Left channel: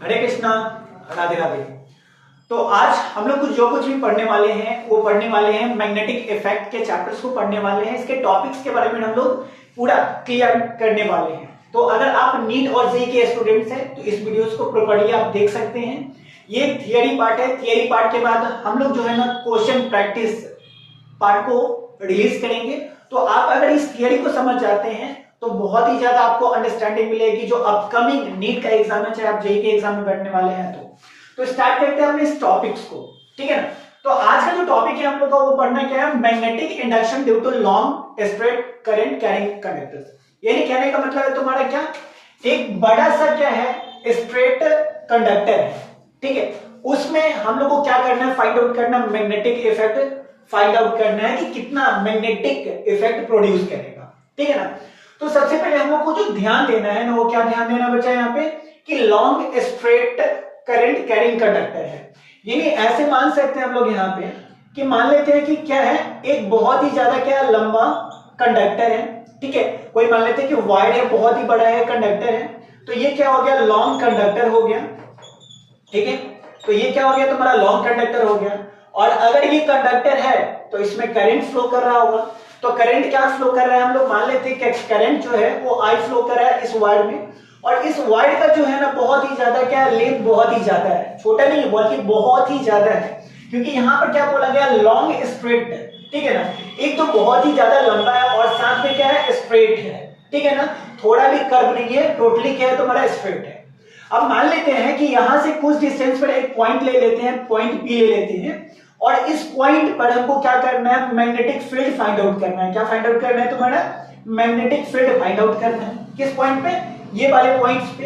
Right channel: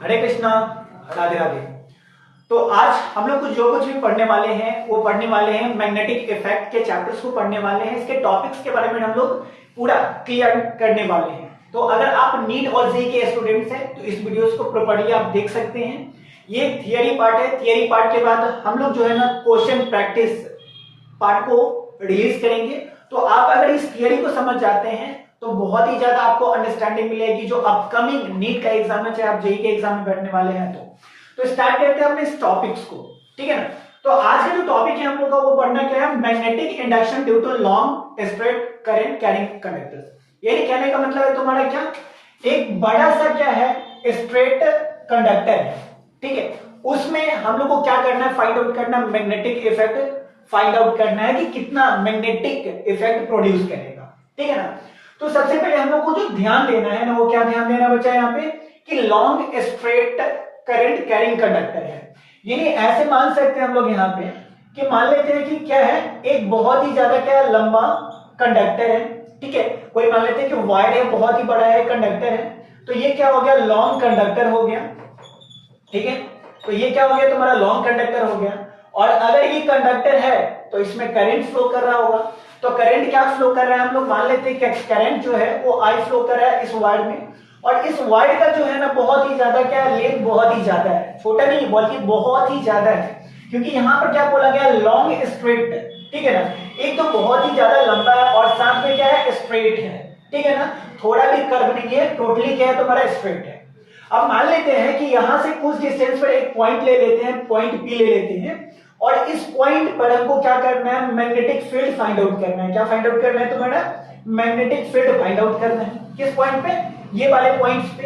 हरे कृष्णा, राधे राधे। तो आज हम लोग जो कुछ भी पढ़ने वाले हैं वो पढ़ने वाले हैं मैग्नेटिक इफेक्ट के चैप्टर्स को पढ़ने वाले हैं। इसके टॉपिक्स के बारे में हम लोग पूरा क्लियर करने वाले हैं। तो अगर आप नीट और जी के स्टूडेंट्स हैं तो इस वीडियोस को प्रॉपर्ली आप देख सकते हैं। ये थियरी पार्ट है। थियरी पार्ट के बाद हम लोग जो है ना क्वेश्चन प्रैक्टिस पार्ट को रिलीज करेंगे। तो आप अगर इस थियरी को समझ जाते हैं तो बहुत ही ज्यादा आपको अंडरस्टैंडिंग मिलेगी जो अपकमिंग नीट का एग्जाम है, चाहे आप जेई के एग्जाम में बैठने वाले हैं। तो स्टार्ट करते हैं अपने इस टॉपिक्स को, ठीक है ना। तो आज का जो टॉपिक है हम लोग का वो पढ़ना क्या है, magnetic induction due to long straight current carrying conductors. यानी कहने का मतलब है तुम्हारा क्या, एक बड़ा सा क्या है स्ट्रेट कंडक्टर है, ठीक है। उसमें हम लोग को क्या करना है, फाइंड आउट करना मैग्नेटिक इफेक्ट, फाइंड आउट करना है कि कितना मैग्नेटिक इफेक्ट प्रोड्यूस करेगा, ठीक है ना। तो सबसे पहले हम लोग को जो ध्यान देना है ना, वो क्या ध्यान देना बच्चा यहाँ पे कि long straight current carrying conductor है। यानी ऐसे मान सकते हैं हम लोग यहाँ पे कि मान लेते हैं कि क्या है, एक बहुत ही ज्यादा क्या लंबा कंडक्टर है, ठीक है। कोई मान लेते हैं कि वायर है, बहुत ही बड़ा है कंडक्टर है। तो ये क्या हो गया, लॉन्ग कंडक्टर हो गया, ठीक है। तो ये क्या हो गया, तुम्हारा लॉन्ग कंडक्टर हो गया। और अगर ये कंडक्टर है तो इसमें करंट फ्लो कर रहा होगा। तो करंट क्या फ्लो कर रहा है, हम लोग मान लेते हैं कि करंट जो है वो आई फ्लो कर रहा है इस वायर में। और इस वायर का जो है ना बहुत ही ज्यादा क्या लेंथ बहुत ही ज्यादा है, छोटा नहीं बल्कि बहुत ही ज्यादा है। क्योंकि यहाँ पर क्या बोला गया, लॉन्ग स्ट्रेट, ठीक है ना। एक तो बहुत ही ज्यादा लंबा है और साथ में क्या है, स्ट्रेट है, ठीक है ना। थोड़ा भी कर्व नहीं है, टोटली क्या है तुम्हारा स्ट्रेट है। अब मान लेते हैं कि यहां से कुछ डिस्टेंस पर एक पॉइंट ले लेते हैं, पॉइंट पी ले लेते हैं। और इस पॉइंट पर हमको क्या करना है, मैग्नेटिक फील्ड फाइंड आउट करना है। क्या फाइंड आउट करना है तुम्हारा, मैग्नेटिक फील्ड फाइंड आउट करना है। किस पॉइंट पे, ये वाले पॉइंट्स पे।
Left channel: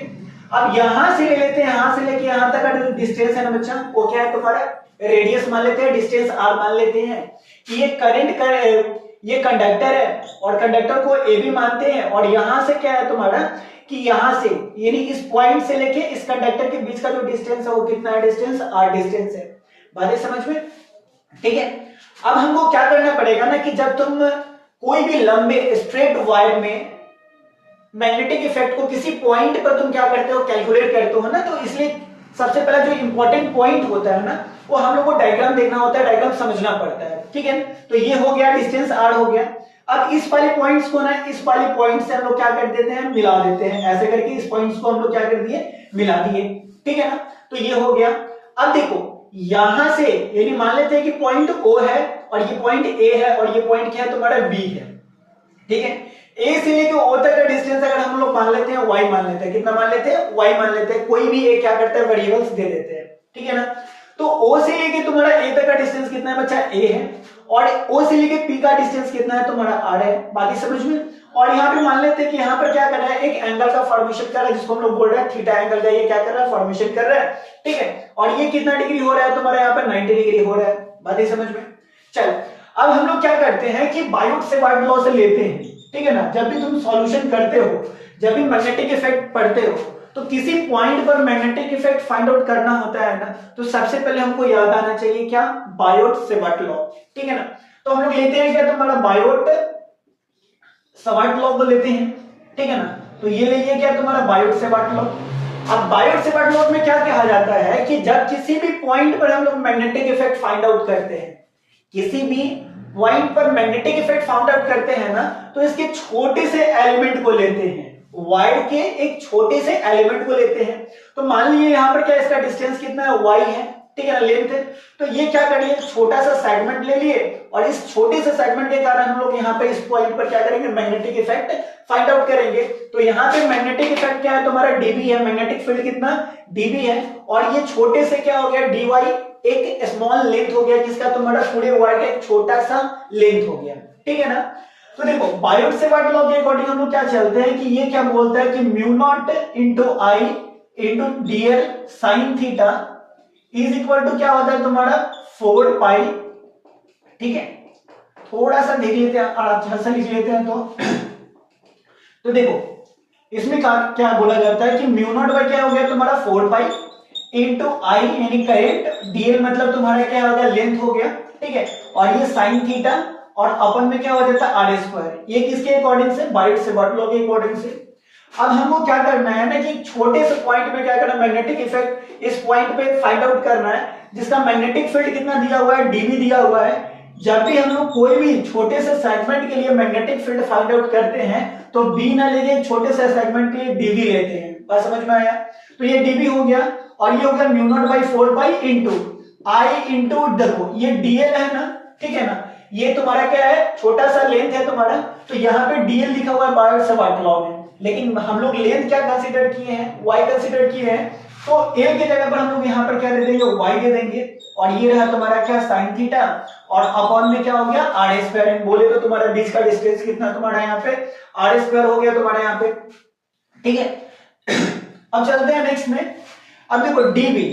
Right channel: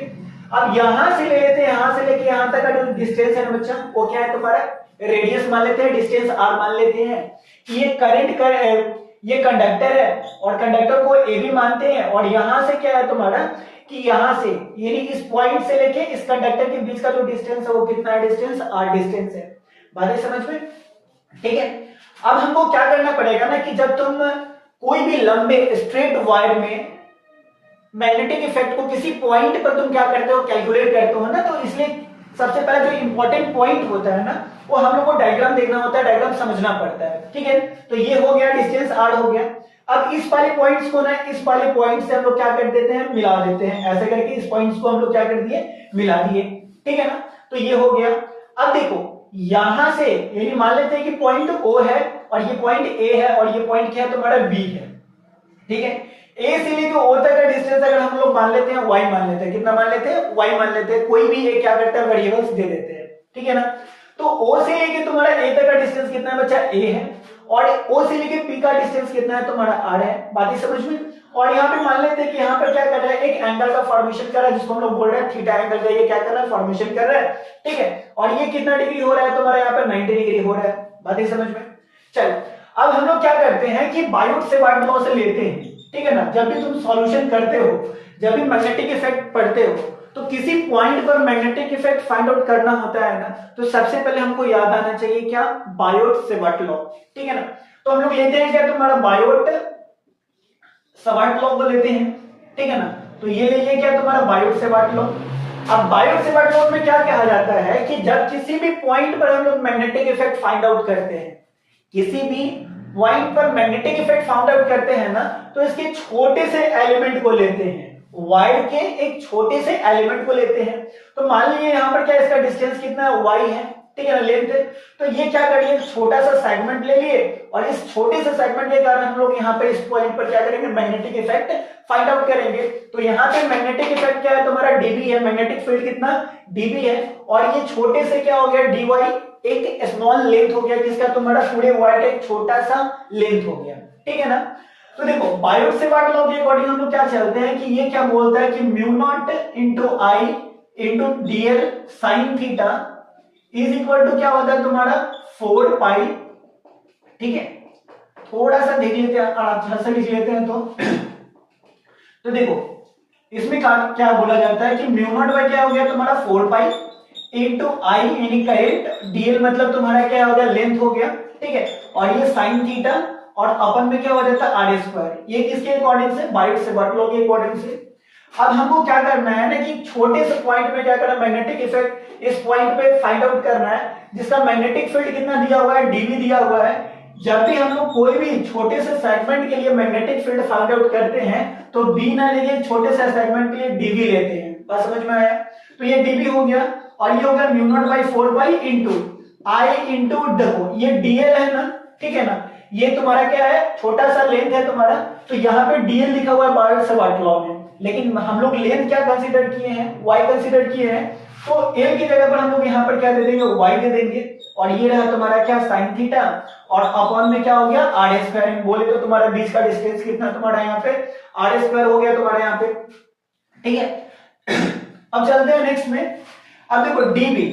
अब यहां से ले लेते हैं, यहां से लेके यहां तक का जो डिस्टेंस है ना बच्चा, वो क्या है तुम्हारा रेडियस मान लेते हैं, डिस्टेंस आर मान लेते हैं कि ये करंट कर ये कंडक्टर है और कंडक्टर को ए भी मानते हैं। और यहां से क्या है तुम्हारा कि यहां से यानी इस पॉइंट से लेके इस कंडक्टर के बीच का जो डिस्टेंस है वो कितना है, डिस्टेंस आर डिस्टेंस है। बात है समझ में, ठीक है। अब हमको क्या करना पड़ेगा ना कि जब तुम कोई भी लंबे स्ट्रेट वायर में मैग्नेटिक इफेक्ट को किसी पॉइंट पर तुम क्या करते हो, कैलकुलेट करते हो ना, तो इसलिए सबसे पहला जो इंपॉर्टेंट पॉइंट होता है ना, वो हम लोग को डायग्राम देखना होता है, डायग्राम समझना पड़ता है, ठीक है। तो ये हो गया, डिस्टेंस आर हो गया। अब इस वाले पॉइंट्स को ना इस वाले पॉइंट से हम लोग क्या कर देते हैं, मिला देते हैं। ऐसे करके इस पॉइंट्स को हम लोग क्या कर दिए, मिला दिए, ठीक है ना। तो ये हो गया। अब देखो यहां से यानी मान लेते हैं कि पॉइंट ओ है और ये पॉइंट ए है और ये पॉइंट क्या है तुम्हारा बी है, ठीक है। ए से लेके ओ तक का डिस्टेंस अगर हम लोग मान लेते हैं वाई मान लेते हैं, कितना मान लेते हैं, वाई मान लेते हैं। कोई भी एक क्या करता है, वेरिएबल्स दे देते हैं, ठीक है ना। तो ओ से लेके तुम्हारा ए तक का डिस्टेंस कितना है बच्चा, ए है। और ओ से लेके पी का डिस्टेंस कितना है तुम्हारा, आर है। बात ही समझ में। और यहाँ पे मान लेते हैं कि यहाँ पर क्या कर रहा है, एक एंगल का फॉर्मेशन कर रहा है जिसको हम लोग बोल रहे हैं थीटा एंगल का। ये क्या कर रहा है, फॉर्मेशन कर रहा है, ठीक है। और ये कितना डिग्री हो रहा है तुम्हारा, यहाँ पर 90 डिग्री हो रहा है। बात ही समझ में। चल अब हम लोग क्या करते हैं कि बायोट से वाट लॉ से लेते हैं, ठीक है ना। जब भी तुम सॉल्यूशन करते हो, जब भी मैग्नेटिक इफेक्ट पढ़ते हो, तो किसी पॉइंट पर मैग्नेटिक इफेक्ट फाइंड आउट करना होता है ना, तो सबसे पहले हमको याद आना चाहिए क्या, बायोट सेवर्ट लॉ, ठीक है ना। तो हम लोग लेते हैं क्या तुम्हारा बायोट सेवर्ट लॉ को लेते हैं, ठीक है ना। तो ये ले लिया क्या तुम्हारा बायोट सेवर्ट लॉ। अब बायोट सेवर्ट लॉ में क्या कहा जाता है कि जब किसी भी पॉइंट पर हम लोग मैग्नेटिक इफेक्ट फाइंड आउट करते हैं, किसी भी पॉइंट पर मैग्नेटिक इफेक्ट फाइंड आउट करते हैं ना, तो इसके छोटे से एलिमेंट को लेते हैं, वायर के एक छोटे से एलिमेंट को लेते हैं। तो मान लीजिए यहाँ पर क्या इसका डिस्टेंस कितना है, वाई है, ठीक है ना, लेंथ है। तो ये क्या कर लिए, छोटा सा सेगमेंट ले लिए और इस छोटे से सेगमेंट के कारण हम लोग यहाँ पे इस पॉइंट पर क्या करेंगे, मैग्नेटिक इफेक्ट फाइंड आउट करेंगे। तो यहाँ पे मैग्नेटिक इफेक्ट क्या है तुम्हारा, डीबी है, मैग्नेटिक फील्ड कितना, डीबी है। और ये छोटे से क्या हो गया, डी वाई, एक स्मॉल लेंथ हो गया जिसका तुम्हारा पूरे वायर का एक छोटा सा लेंथ हो गया, ठीक है ना। तो देखो बायोट सेवर्ट लॉ के अकॉर्डिंग हम लोग क्या चलते हैं कि ये क्या बोलता है कि mu naught into I into DL sine theta is equal to क्या होता है तुम्हारा 4 पाई, ठीक है। थोड़ा सा देख लेते हैं, अच्छा से लिख लेते हैं। तो देखो इसमें क्या बोला जाता है कि म्यू नॉट बाय क्या हो गया तुम्हारा 4 पाई इंटू आई यानी करंट, डीएल मतलब तुम्हारा क्या हो गया, लेंथ हो गया, ठीक है। और ये साइन थीटा और अपन में क्या हो जाता है आर स्क्वायर। ये किसके अकॉर्डिंग से, बायोट सेवर्ट लॉ के अकॉर्डिंग से। अब हमको क्या करना है ना कि छोटे से पॉइंट में क्या करना है, मैग्नेटिक इफेक्ट इस पॉइंट पे फाइंड आउट करना है, जिसका मैग्नेटिक फील्ड कितना दिया हुआ है, डीवी दिया हुआ है। जब भी हम लोग कोई भी छोटे से सेगमेंट के लिए मैग्नेटिक फील्ड फाइंड आउट करते हैं तो बी ना लेके छोटे से सेगमेंट के लिए डीवी लेते हैं। बात समझ में आया? तो ये डीवी हो गया और ये हो गया mu naught by 4 pi into I into, देखो ये डीएल है ना, ठीक है ना, ये तुम्हारा क्या है, छोटा सा लेंथ है तुम्हारा, तो यहाँ पे डीएल लिखा हुआ है बार से वाट लॉ में, लेकिन हम लोग लेंथ क्या कंसीडर किए हैं, वाई कंसीडर किए हैं, तो एल की जगह पर हम लोग यहाँ पर क्या दे देंगे, वाई दे देंगे, और ये रहा तुम्हारा क्या, साइन थीटा, और अपॉन में क्या हो गया, आर स्क्वायर। बोले तो तुम्हारा बीच का डिस्टेंस कितना तुम्हारा यहाँ पे आर स्क्वायर हो गया तुम्हारा यहाँ पे, ठीक है। अब चलते हैं नेक्स्ट में। अब देखो DB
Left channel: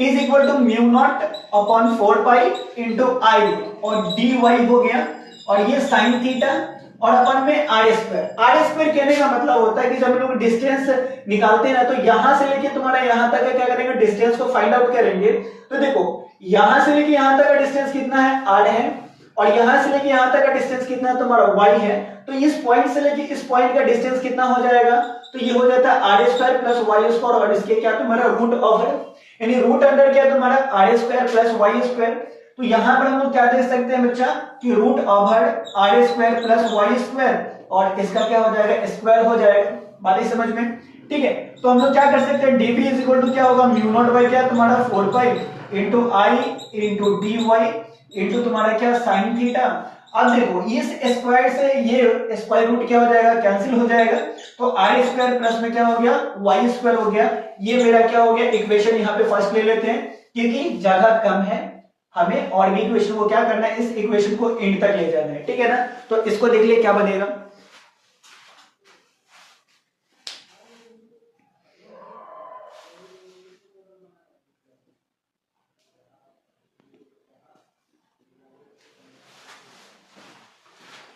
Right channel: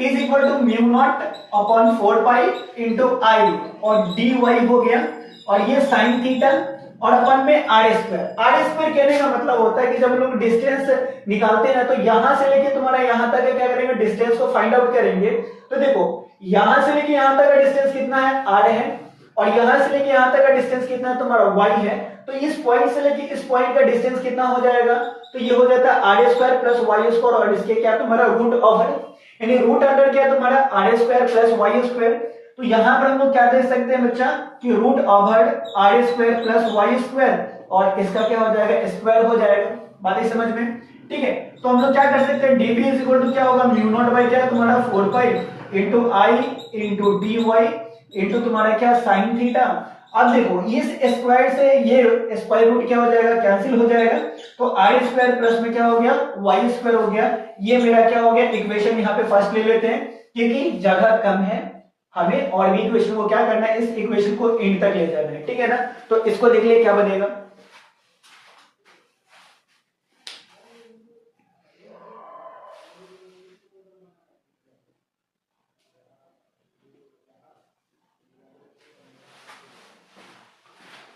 is equal to mu naught upon 4 pi into I, और डी वाई हो गया, और ये साइन थीटा, और अपन में आर स्क्वायर। आर स्क्वायर कहने का मतलब होता है कि जब हम लोग डिस्टेंस निकालते हैं ना, तो यहां से लेके तुम्हारा यहां तक क्या करेंगे, डिस्टेंस को फाइंड आउट करेंगे। तो देखो यहां से लेके यहां तक का डिस्टेंस कितना है, आर है, और यहां से लेके यहां तक का डिस्टेंस कितना है तुम्हारा, वाई है। तो इस पॉइंट से लेके इस पॉइंट का डिस्टेंस कितना हो जाएगा, तो ये हो जाता है R square plus Y square, और इसके क्या तुम्हारा रूट ओवर, यानी रूट अंडर क्या तुम्हारा R square plus Y square. तो यहां पर हम लोग क्या देख सकते हैं बच्चा कि root over R square plus Y square, और इसका क्या हो जाएगा, स्क्वायर हो जाएगा। बात ही समझ में, ठीक है। तो हम लोग क्या कर सकते हैं, डीबी इज इक्वल टू क्या होगा, म्यू नॉट बाई क्या तुम्हारा 4 pi into I into D Y into तुम्हारा क्या, साइन थीटा। अब देखो इस स्क्वायर से ये स्क्वायर रूट क्या हो जाएगा, कैंसिल हो जाएगा, तो आर स्क्वायर प्लस में क्या हो गया, वाई स्क्वायर हो गया। ये मेरा क्या हो गया, इक्वेशन यहाँ पे फर्स्ट ले लेते हैं क्योंकि जगह कम है, हमें और भी इक्वेशन को क्या करना है, इस इक्वेशन को एंड तक ले जाना है, ठीक है ना। तो इसको देख लिया क्या बनेगा,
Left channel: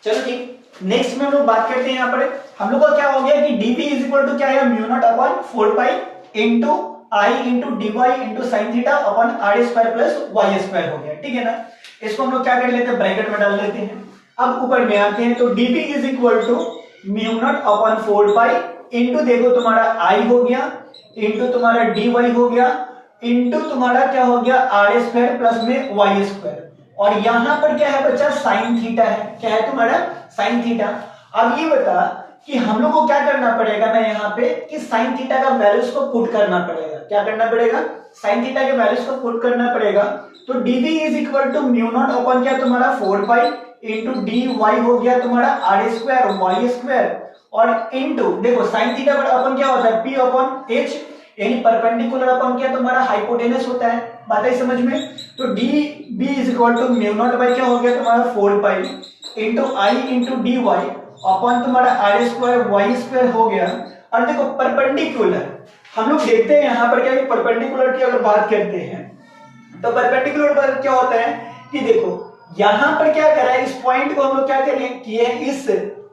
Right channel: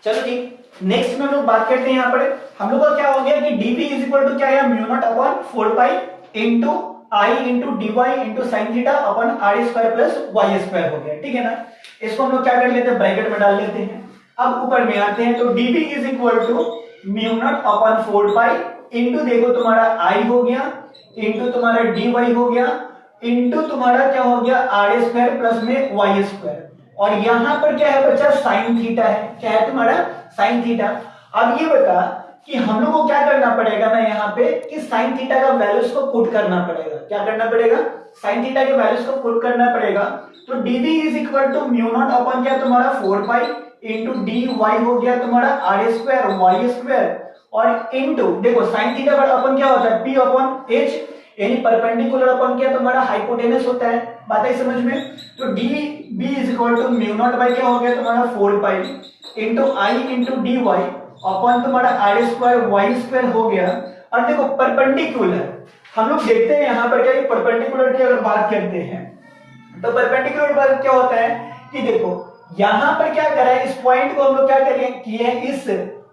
चलो ठीक। नेक्स्ट में हम लोग बात करते हैं, यहाँ पर हम लोग का क्या हो गया कि dp इज इक्वल टू क्या है, mu naught upon 4 pi into I into D Y into sine theta upon R square plus Y square हो गया, ठीक है ना। इसको हम लोग क्या कर लेते हैं, ब्रैकेट में डाल लेते हैं। अब ऊपर में आते हैं, तो dp is equal to mu naught upon 4 pi into, देखो तुम्हारा आई हो गया, इंटू तुम्हारा डी वाई हो गया, इंटू तुम्हारा क्या हो गया, आर स्क्वायर प्लस में वाई स्क्वायर, और यहां पर क्या है बच्चा, साइन थीटा है, क्या है तुम्हारा, साइन थीटा। अब ये बता कि हम लोग को क्या करना पड़ेगा ना यहाँ पे कि साइन थीटा का वैल्यूज को पुट करना पड़ेगा, क्या करना पड़ेगा, साइन थीटा के वैल्यूज को पुट करना पड़ेगा। तो dv is equal to mu naught upon क्या तुम्हारा 4 पाई इंटू डी वाई हो गया तुम्हारा आर स्क्वायर वाई स्क्वायर, और इंटू देखो साइन थीटा पर अपन क्या होता है, p अपॉन h, यानी परपेंडिकुलर अपन क्या तुम्हारा हाइपोटेनस होता है। बात है समझ में। तो D B is equal to mu naught by क्या हो गया तुम्हारा 4 pi into I into D Y upon तुम्हारा आर स्क्वायर वाई स्क्वायर हो गया। और देखो परपेंडिकुलर हम लोग देखते हैं यहाँ पर क्या, परपेंडिकुलर की अगर बात करते हैं तो परपेंडिकुलर पर क्या होता है कि देखो यहां पर क्या करा है, इस पॉइंट को हम लोग क्या किए हैं, इस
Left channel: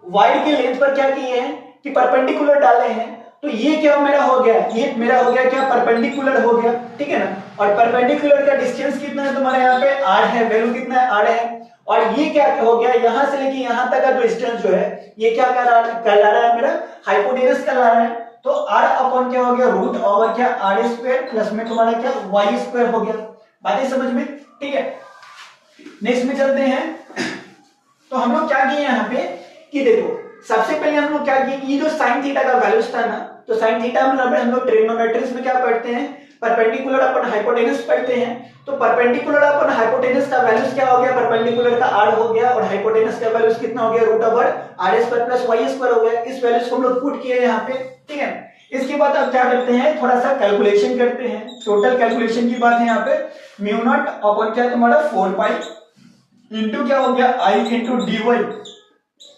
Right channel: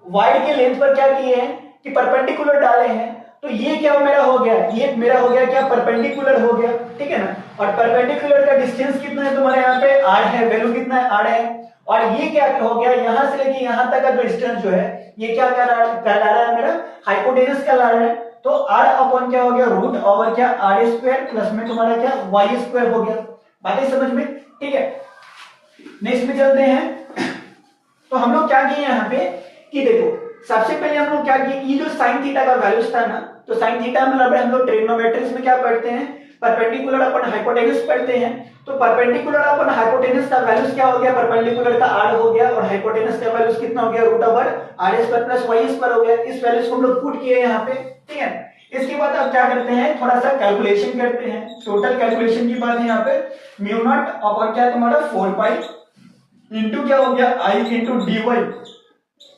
वाइड के लेंथ पर क्या किए हैं कि परपेंडिकुलर डाले हैं। तो ये क्या मेरा हो गया, ये मेरा हो गया क्या, परपेंडिकुलर हो गया, ठीक है ना। और परपेंडिकुलर का डिस्टेंस कितना है तुम्हारे यहाँ पे, आर है, वैल्यू कितना है, आर है। और ये क्या हो गया, यहां से लेके यहां तक का डिस्टेंस जो है ये क्या कहला रहा है, मेरा हाइपोटेनस कहला रहा है। तो आर अपॉन क्या हो गया, रूट ओवर क्या आर स्क्वायर प्लस में तुम्हारा क्या वाई स्क्वायर हो गया। बातें समझ में, ठीक है। नेक्स्ट में चलते हैं। तो हम लोग क्या किए यहाँ पे कि देखो सबसे पहले हम लोग क्या किए, ये जो साइन थीटा का वैल्यूज था ना, तो साइन थीटा मतलब हम लोग ट्रिग्नोमेट्रिक्स में क्या पढ़ते हैं, परपेंडिकुलर अपन हाइपोटेनस पढ़ते हैं। तो परपेंडिकुलर अपन हाइपोटेनस का वैल्यूज क्या हो गया, परपेंडिकुलर का आर हो गया, और हाइपोटेनस का वैल्यूज कितना हो गया, root over R square plus Y square हो गया। इस वैल्यूज को हम लोग पुट किए यहाँ पे, ठीक है। इसके बाद अब क्या करते हैं, थोड़ा सा कैलकुलेशन करते हैं। टोटल कैलकुलेशन की बात है यहाँ पे, म्यू नॉट अपॉन क्या तुम्हारा 4 पाई इंटू क्या हो गया आई इंटू डी वाई,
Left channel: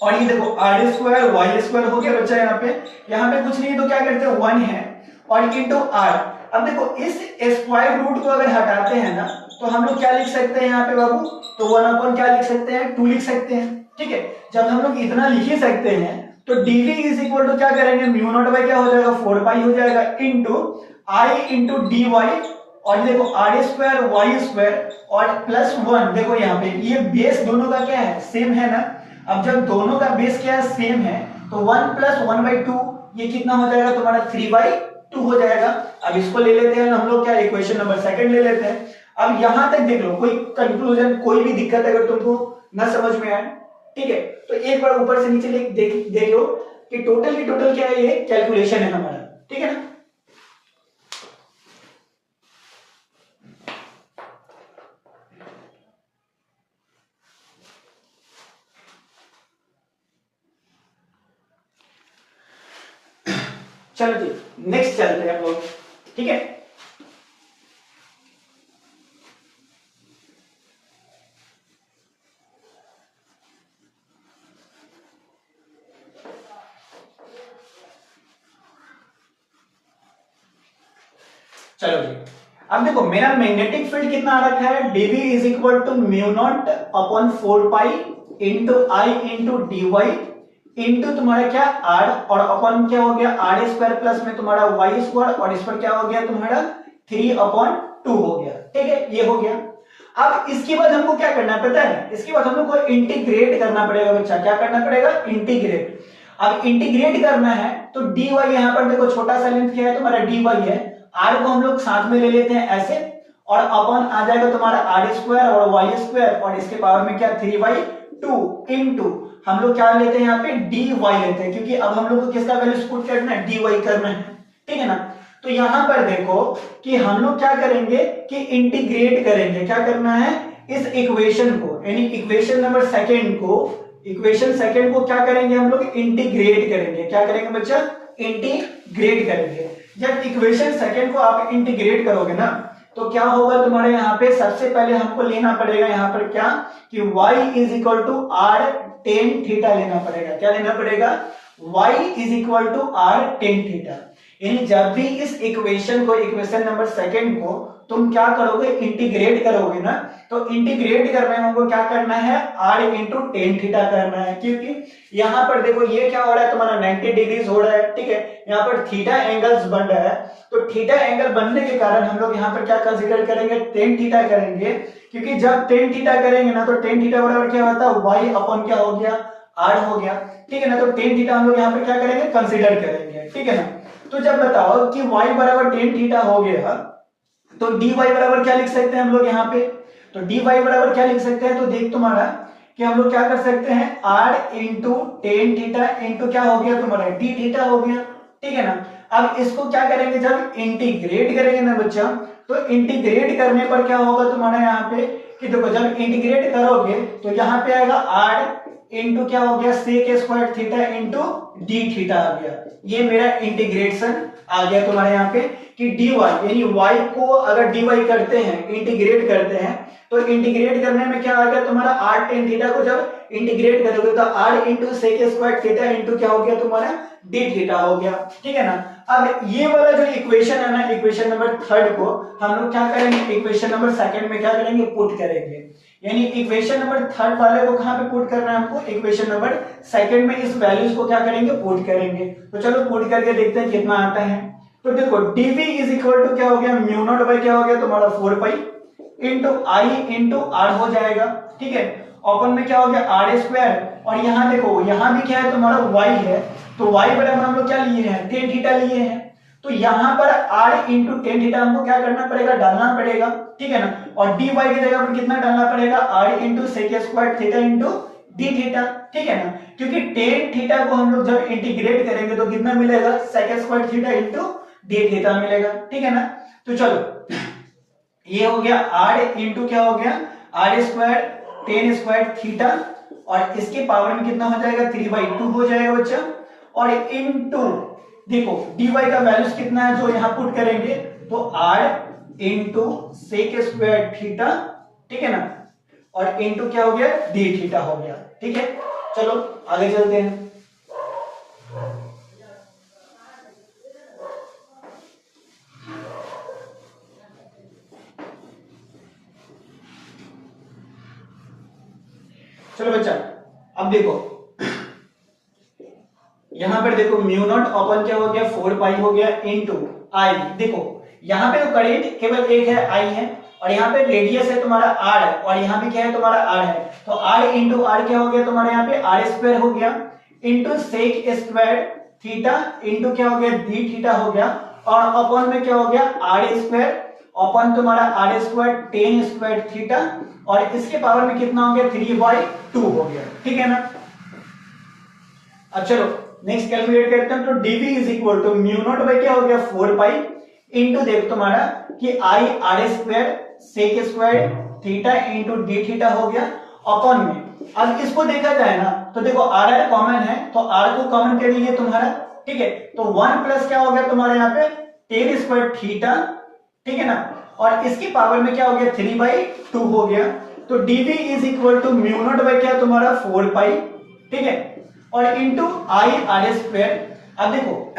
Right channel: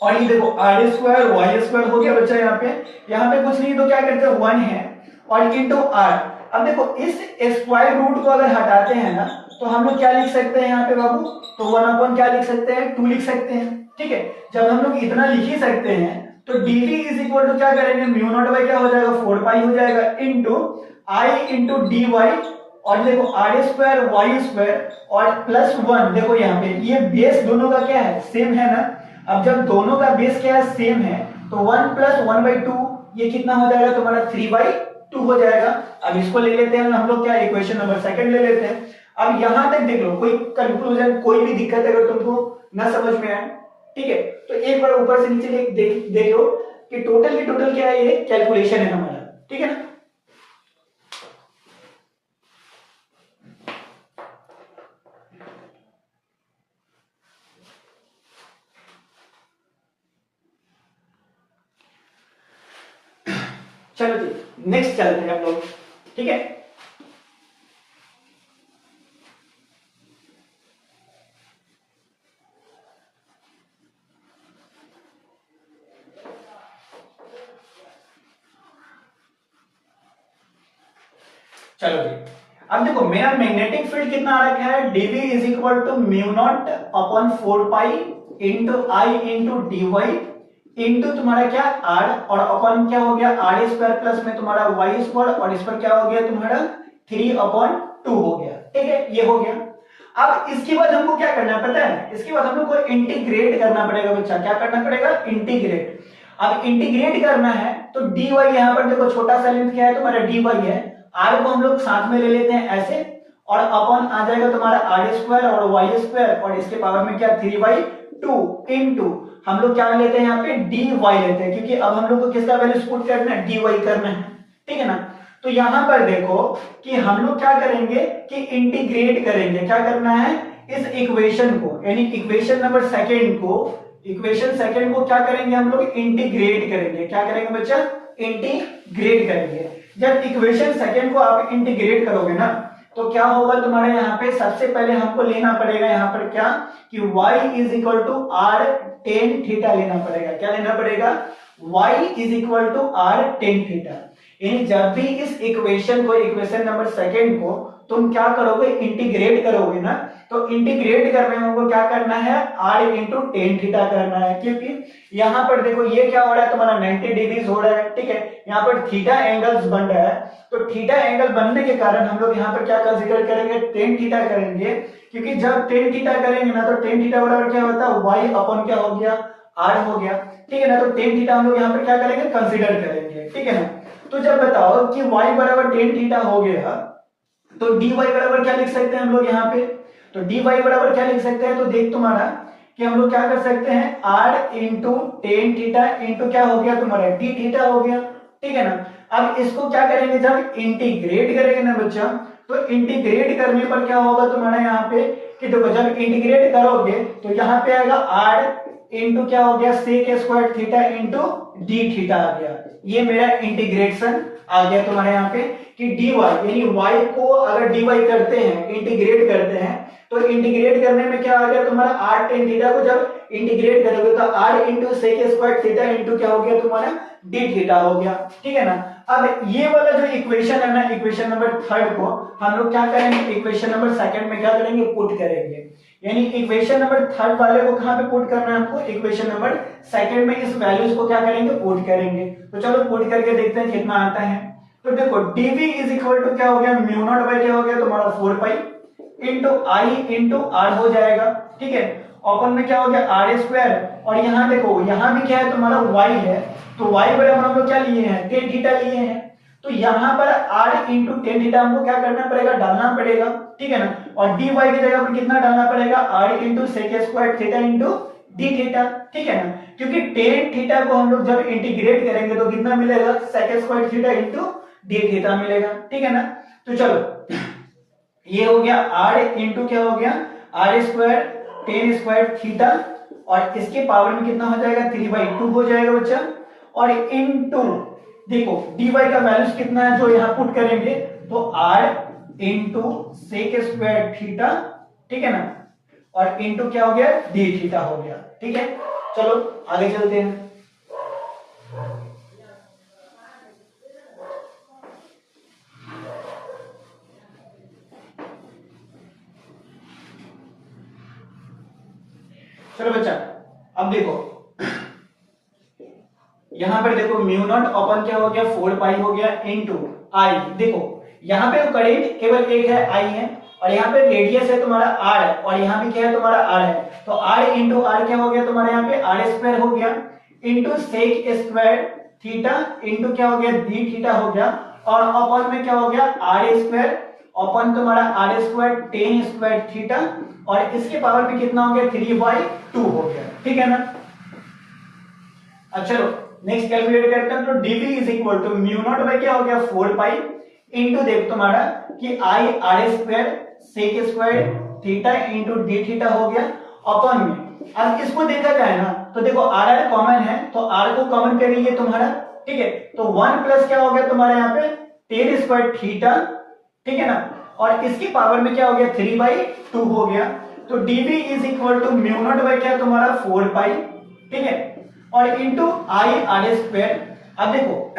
और ये देखो आर स्क्वायर वाई स्क्वायर हो गया बच्चा। यहाँ पे कुछ नहीं तो क्या करते हैं 1 है, और इंटू आर। अब देखो इस स्क्वायर रूट को अगर हटाते हैं ना, तो हम लोग क्या लिख सकते हैं यहाँ पे बाबू, तो 1 अपॉन क्या लिख सकते हैं, 2 लिख सकते हैं, ठीक है। जब हम लोग इतना लिख ही सकते हैं तो dv इज इक्वल टू क्या करेंगे, म्यू नॉट बाई क्या हो जाएगा 4 पाई हो जाएगा into I into D Y, और देखो आर स्क्वायर वाई स्क्वायर और प्लस 1। देखो यहाँ पे ये बेस दोनों का क्या है, सेम है ना। अब जब दोनों का बेस क्या है, सेम है, तो 1 प्लस 1 बाई 2 ये कितना हो जाएगा तुम्हारा 3/2 हो जाएगा। अब इसको ले लेते हैं हम लोग क्या, इक्वेशन नंबर सेकंड ले लेते हैं। अब यहां तक देख लो, कोई कंक्लूजन कोई भी दिक्कत अगर तुमको ना समझ में आए, ठीक है, तो एक बार ऊपर से नीचे देख लो कि टोटल की टोटल क्या है, ये कैलकुलेशन है हमारा, ठीक है ना। चलो जी नेक्स्ट चलते हैं हम लोग, ठीक है। चलो जी, अब देखो मेरा मैग्नेटिक फील्ड कितना आ रखा है, dv is equal to mu naught upon 4 pi into I into D Y into तुम्हारा क्या आर, और अपॉन क्या हो गया आर स्क्वायर प्लस में तुम्हारा वाई स्क्वायर, और इस पर क्या हो गया तुम्हारा 3/2 हो गया, ठीक है, ये हो गया। अब इसके बाद हमको क्या करना है पता है, इसके बाद हम लोग को इंटीग्रेट करना पड़ेगा बच्चा, क्या करना पड़ेगा, इंटीग्रेट। अब इंटीग्रेट करना है तो dy यहां पर देखो छोटा सा लेंथ क्या है तुम्हारा dy है, r को हम लोग साथ में ले लेते हैं ऐसे, और अपॉन आ जाएगा तुम्हारा आर स्क्वायर और वाई स्क्वायर, और इसके पावर में क्या 3/2 इंटू हम लोग क्या लेते हैं यहाँ पे dy लेते हैं, क्योंकि अब हम लोग को किसका वैल्यू पुट करना है, dy करना है, ठीक है ना। तो यहां पर देखो कि हम लोग क्या करेंगे कि इंटीग्रेट करेंगे, क्या करना है, इस इक्वेशन को यानी इक्वेशन नंबर सेकंड को क्या करेंगे हम लोग, इंटीग्रेट करेंगे। क्या करेंगे बच्चा, इंटीग्रेट करेंगे। जब इक्वेशन सेकंड को आप इंटीग्रेट करोगे ना तो क्या होगा तुम्हारे यहाँ पे, सबसे पहले हमको लेना पड़ेगा यहाँ पर क्या कि y is equal to R tan theta लेना पड़ेगा। क्या लेना पड़ेगा, y is equal to R tan theta. यानी जब भी इस इक्वेशन को, इक्वेशन नंबर सेकंड को तुम क्या करोगे, इंटीग्रेट करोगे ना, तो इंटीग्रेट करने में हमको क्या करना है, r इंटू टेन थीटा करना है, क्योंकि यहाँ पर देखो ये क्या हो रहा है तुम्हारा 90 डिग्रीज हो रहा है, ठीक है, यहाँ पर थीटा एंगल्स बन रहा है, तो थीटा एंगल बनने के कारण हम लोग यहाँ पर क्या कंसीडर करेंगे, टेन थीटा करेंगे, क्योंकि जब टेन थीटा करेंगे ना तो टेन थीटा बराबर क्या होता है, y अपॉन क्या हो गया, r हो गया, ठीक है ना। तो टेन थीटा हम लोग यहाँ पर क्या करेंगे, कंसीडर करेंगे, ठीक है ना। तो जब बताओ कि y बराबर टेन थीटा हो गया तो dy बराबर क्या लिख सकते हैं हम लोग यहाँ पे, तो dy बराबर क्या लिख सकते हैं, तो देख तुम्हारा कि हम लोग क्या कर सकते हैं, r into tan theta into क्या हो गया तुम्हारा d थीटा हो गया, ठीक है ना। अब इसको क्या करेंगे, जब इंटीग्रेट करेंगे ना बच्चा, तो इंटीग्रेट करने पर क्या होगा तुम्हारा यहाँ पे कि देखो जब इंटीग्रेट करोगे तो यहाँ पे आएगा r इंटू क्या हो गया sec square theta into d theta आ गया। ये मेरा इंटीग्रेशन आ गया तुम्हारे यहाँ पे कि dy यानी y को अगर dy करते हैं, इंटीग्रेट करते हैं, तो इंटीग्रेट करने में क्या आ गया तुम्हारा r टेन थीटा को जब इंटीग्रेट करोगे तो r into sec square theta into क्या हो गया तुम्हारा d थीटा हो गया, ठीक है ना। अब ये वाला जो इक्वेशन है ना, इक्वेशन नंबर थर्ड को हम लोग क्या करेंगे, इक्वेशन नंबर सेकंड में क्या करेंगे, पुट करेंगे। यानी इक्वेशन नंबर थर्ड वाले को कहां पे पुट करना है हमको, इक्वेशन नंबर सेकंड में इस वैल्यूज को क्या करेंगे, पुट करेंगे। तो चलो पुट करके देखते हैं कितना आता है। तो देखो dv इज इक्वल टू क्या हो गया, म्यू नॉट बाई क्या हो गया तुम्हारा 4 pi into I into R हो जाएगा, ठीक है। ओपन में क्या हो गया आर स्क्वायर, और यहाँ देखो यहाँ भी क्या है तुम्हारा y है, तो y बराबर हम लोग क्या लिए हैं, टेन थीटा लिए हैं, तो यहाँ पर r इंटू टेन थीटा हमको क्या करना पड़ेगा, डालना पड़ेगा, ठीक है ना। और dy की जगह पर कितना डालना पड़ेगा, r into sec square theta into d theta, ठीक है ना, क्योंकि टेन थीटा को हम लोग जब इंटीग्रेट करेंगे तो कितना मिलेगा, sec square theta into d theta मिलेगा, ठीक है ना। तो चलो ये हो गया r इंटू क्या हो गया, r square tan square theta, और इसके पावर में कितना हो जाएगा, 3/2 हो जाएगा बच्चा, और इंटू देखो dy का वैल्यूज कितना है जो यहाँ पुट करेंगे, तो r into sec square theta, ठीक है ना, और इंटू क्या हो गया, d थीटा हो गया, ठीक है। चलो आगे चलते हैं। चलो बच्चा अब देखो यहां पर देखो म्यू नॉट अपन क्या हो गया 4 पाई हो गया इनटू आई। देखो यहाँ पे तो करेंट केवल एक है आई है, और यहाँ पे रेडियस है तुम्हारा आर है, और यहाँ भी क्या है तुम्हारा आर है, तो आर इंटू आर क्या हो गया तुम्हारे यहाँ पे आर स्क्वायर हो गया into sec square theta into क्या हो गया डी थीटा हो गया, और अपॉन में क्या हो गया आर स्क्वायर, अपॉन तुम्हारा R square tan square theta, और इसके पावर में कितना हो गया 3/2 हो गया, ठीक है ना। अब चलो नेक्स्ट कैलकुलेट करते हैं। तो dv is equal to mu naught by क्या हो गया 4 पाई इंटू देख तुम्हारा कि I R square sec square theta into D theta हो गया, अपॉन में अब इसको देखा जाए ना तो देखो आर आर कॉमन है तो आर को कॉमन कर लिए तुम्हारा, ठीक है। तो 1 प्लस क्या हो गया तुम्हारा यहाँ पे टेन स्क्वायर थीटा, ठीक है ना, और इसकी पावर में क्या हो गया 3/2 हो गया। तो dv is equal to mu naught by क्या तुम्हारा 4 पाई, ठीक है, और इंटू आई आर स्क्वायर। अब देखो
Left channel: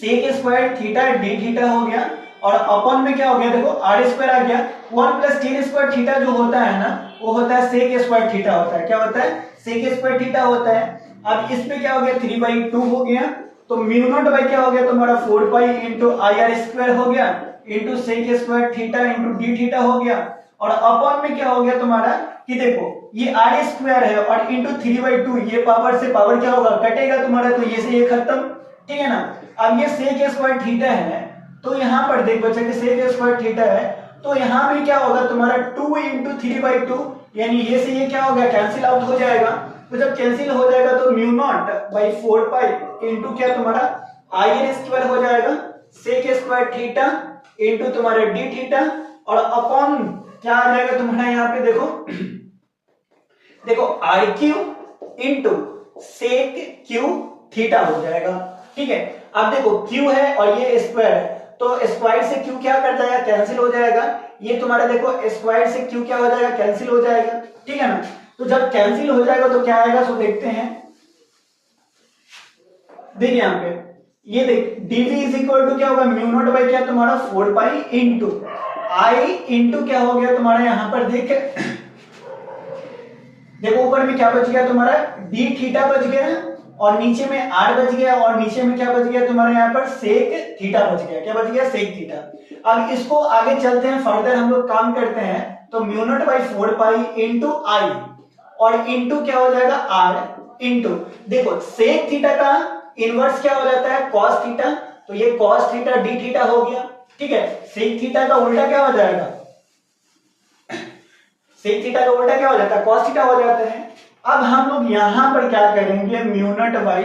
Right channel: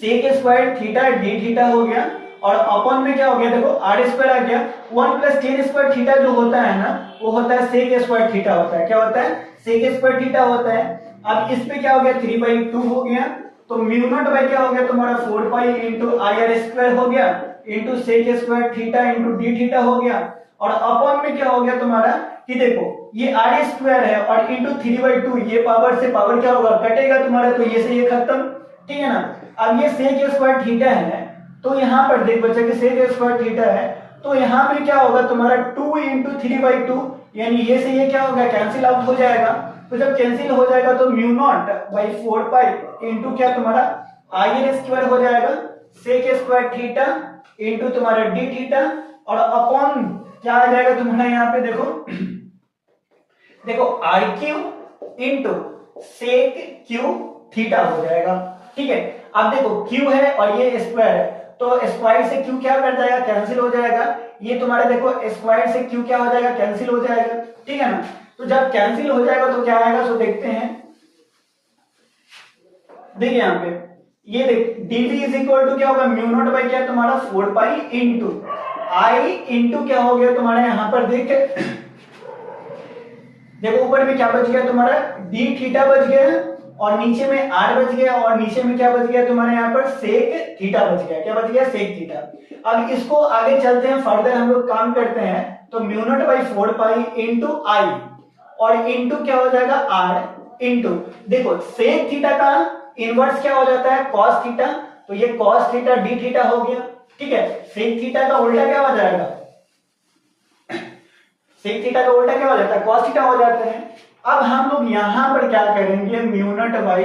sec square theta D theta हो गया, और अपॉन में क्या हो गया देखो आर स्क्वायर आ गया, 1 प्लस टेन स्क्वायर थीटा जो होता है ना वो होता है सेक स्क्वायर थीटा होता है, क्या होता है सेक स्क्वायर थीटा होता है। अब इस पे क्या हो गया 3/2 हो गया, तो म्यू नॉट बाई क्या हो गया तुम्हारा 4 pi into I R square हो गया into sec square theta into D theta हो गया, और अपॉन में क्या हो गया तुम्हारा कि देखो ये आर स्क्वायर है और इंटू 3/2, ये पावर से पावर क्या होगा कटेगा तुम्हारा, तो ये से ये खत्म, ठीक है ना। अब ये सेक स्क्वायर थीटा है तो यहाँ पर देख बच्चा कि सेक स्क्वायर थीटा है तो यहाँ पे क्या होगा तुम्हारा 2 इंटू 3/2, यानी ये से ये क्या होगा कैंसिल आउट हो जाएगा। तो जब कैंसिल हो जाएगा तो mu naught by 4 pi into क्या तुम्हारा आई आर स्क्वायर हो जाएगा सेक स्क्वायर थीटा इंटू तुम्हारे डी थीटा, और अपॉन क्या आ जाएगा तुम्हारा यहाँ पे देखो देखो R Q into sec Q theta हो जाएगा, ठीक है। अब देखो क्यू है और ये स्क्वायर है तो स्क्वायर से क्यू क्या कर जाएगा कैंसिल हो जाएगा, ये तुम्हारा देखो स्क्वायर से क्यू क्या हो जाएगा कैंसिल हो जाएगा, ठीक है ना। तो जब कैंसिल हो जाएगा तो क्या आएगा सो देखते हैं, देखिए यहाँ पे ये देख dv इज इक्वल टू क्या होगा म्यू नॉट बाई क्या तुम्हारा 4 पाई इंटू आई इंटू क्या हो गया तुम्हारा यहाँ पर देख देखो ऊपर में क्या बच गया तुम्हारा डी थीटा बच गया, और नीचे में आर बच गया, और नीचे में क्या बच गया तुम्हारे यहाँ पर सेक थीटा बच गया, क्या बच गया सेक थीटा। अब इसको आगे चलते हैं फर्दर हम लोग काम करते हैं, तो mu naught by 4 pi into I और इंटू क्या हो जाएगा आर इंटू देखो सेक थीटा का इनवर्स क्या हो जाता है कॉस थीटा, तो ये कॉस थीटा डी थीटा हो गया, ठीक है। सेक थीटा का उल्टा क्या हो जाएगा सेक थीटा का उल्टा क्या हो जाता है कॉस थीटा हो जाता है। अब हम लोग यहां पर क्या करेंगे म्यू नॉट बाई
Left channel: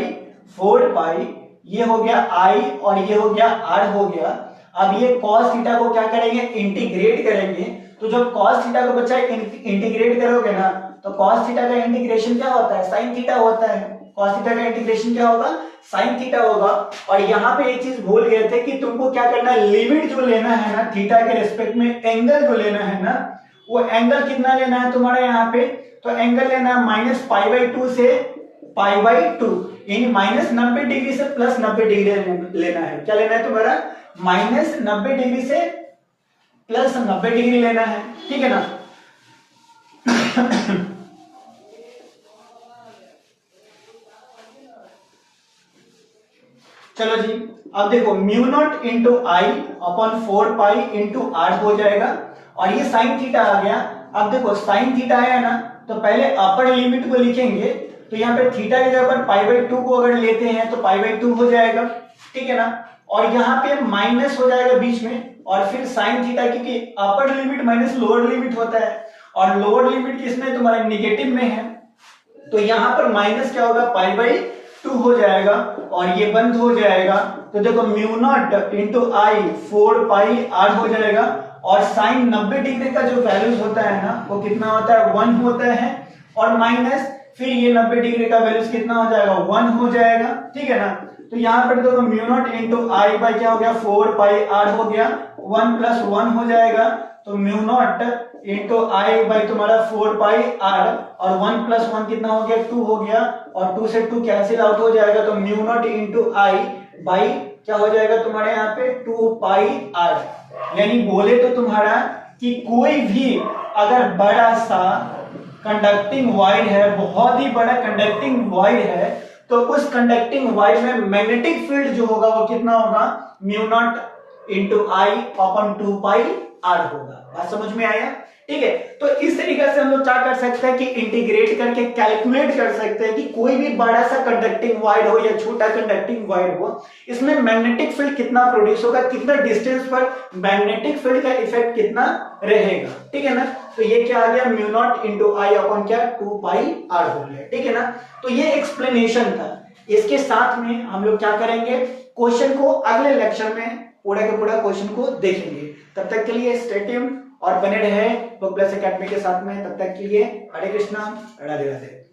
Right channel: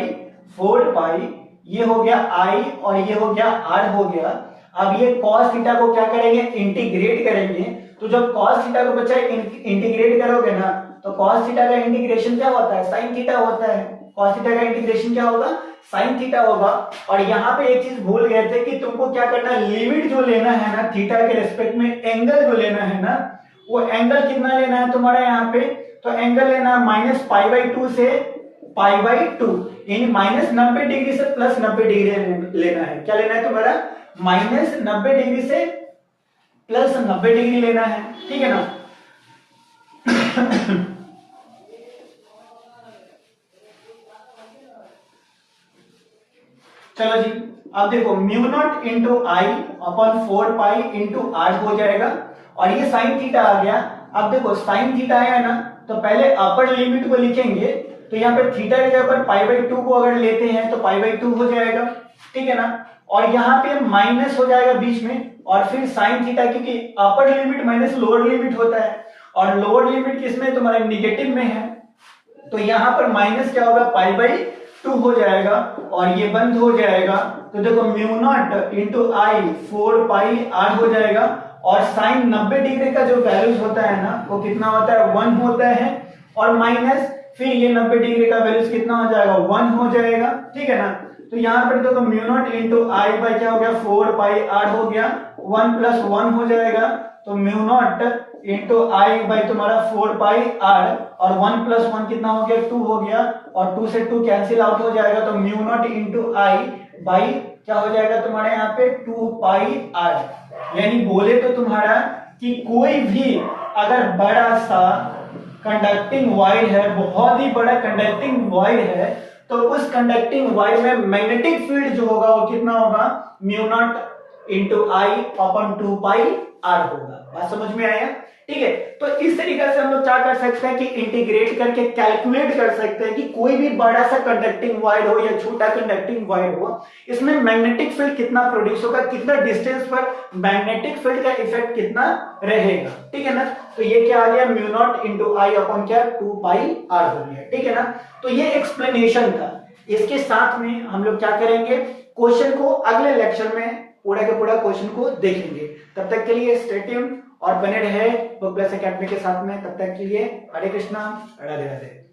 4 पाई, ये हो गया आई और ये हो गया आर हो गया। अब ये cos थीटा को क्या करेंगे इंटीग्रेट करेंगे, तो जब cos थीटा को बच्चा इंटीग्रेट करोगे ना तो cos थीटा का इंटीग्रेशन क्या होता है sin थीटा होता है, cos थीटा का इंटीग्रेशन क्या होगा sin थीटा होगा। और यहाँ पे एक चीज भूल गए थे कि तुमको क्या करना है लिमिट जो लेना है ना थीटा के रिस्पेक्ट में एंगल जो लेना है ना वो एंगल कितना लेना है तुम्हारा यहाँ पे, तो एंगल लेना है -π/2 से π/2, यानी -90 डिग्री से +90 डिग्री लेना है। क्या लेना है तुम्हारा -90 डिग्री से +90 डिग्री लेना है, ठीक है ना। चलो जी अब देखो mu naught into I upon 4 pi into R हो जाएगा, और ये साइन थीटा आ गया। अब देखो साइन थीटा आया ना तो पहले अपर लिमिट को लिखेंगे, तो यहाँ पे थीटा की जगह पर π/2 को अगर लेते हैं तो π/2 हो जाएगा, ठीक है ना। और यहाँ पे माइनस हो जाएगा बीच में, और फिर साइन थीटा क्योंकि upper limit minus lower limit होता है और लोअर लिमिट किसमें तुम्हारे निगेटिव में है, तो यहाँ पर माइनस क्या होगा π/2 हो जाएगा और ये बंद हो जाएगा। तो देखो mu naught into I 4 pi R हो जाएगा, और साइन 90 डिग्री का जो वैल्यूज होता है ना वो कितना होता है 1 होता है, और माइनस फिर ये 90 डिग्री का वैल्यूज कितना हो जाएगा 1 हो जाएगा, ठीक है ना। तो यहाँ पर देखो mu naught into I by क्या हो गया 4 पाई आर हो गया, 1 + 1 हो जाएगा, तो mu naught into I by तुम्हारा 4 पाई आर, और 1 + 1 कितना हो गया 2 हो गया, और 2 से 2 कैंसिल आउट हो जाएगा, तो mu naught into I by क्या हो जाएगा तुम्हारे यहाँ पे 2 पाई आर। यानी बोले तो तुम्हारा कि कोई भी अगर बड़ा सा कंडक्टिंग वायर है, बहुत ही बड़ा कंडक्टिंग वायर है, तो उस कंडक्टिंग वायर में मैग्नेटिक फील्ड जो होगा वो कितना होगा mu naught into I upon 2 pi R होगा। बात समझ में आया? ठीक है, तो इस तरीके से हम लोग क्या कर सकते हैं कि इंटीग्रेट करके कैलकुलेट कर सकते हैं कि कोई भी बड़ा सा कंडक्टिंग वायर हो या छोटा कंडक्टिंग वायर हो, इसमें मैग्नेटिक फील्ड कितना प्रोड्यूस होगा, कितना डिस्टेंस पर मैग्नेटिक फील्ड का इफेक्ट कितना रहेगा। ठीक है ना, तो ये क्या आ गया, mu naught into I upon क्या 2 पाई आर हो गया। ठीक है ना, तो ये एक्सप्लेनेशन था। इसके साथ में हम लोग क्या करेंगे, क्वेश्चन को अगले लेक्चर में पूरा के पूरा क्वेश्चन को देखेंगे। तब तक के लिए स्टे ट्यून्ड और बने रहे बुक प्लस एकेडमी के साथ में। तब तक के लिए हरे कृष्णा, राधे राधे।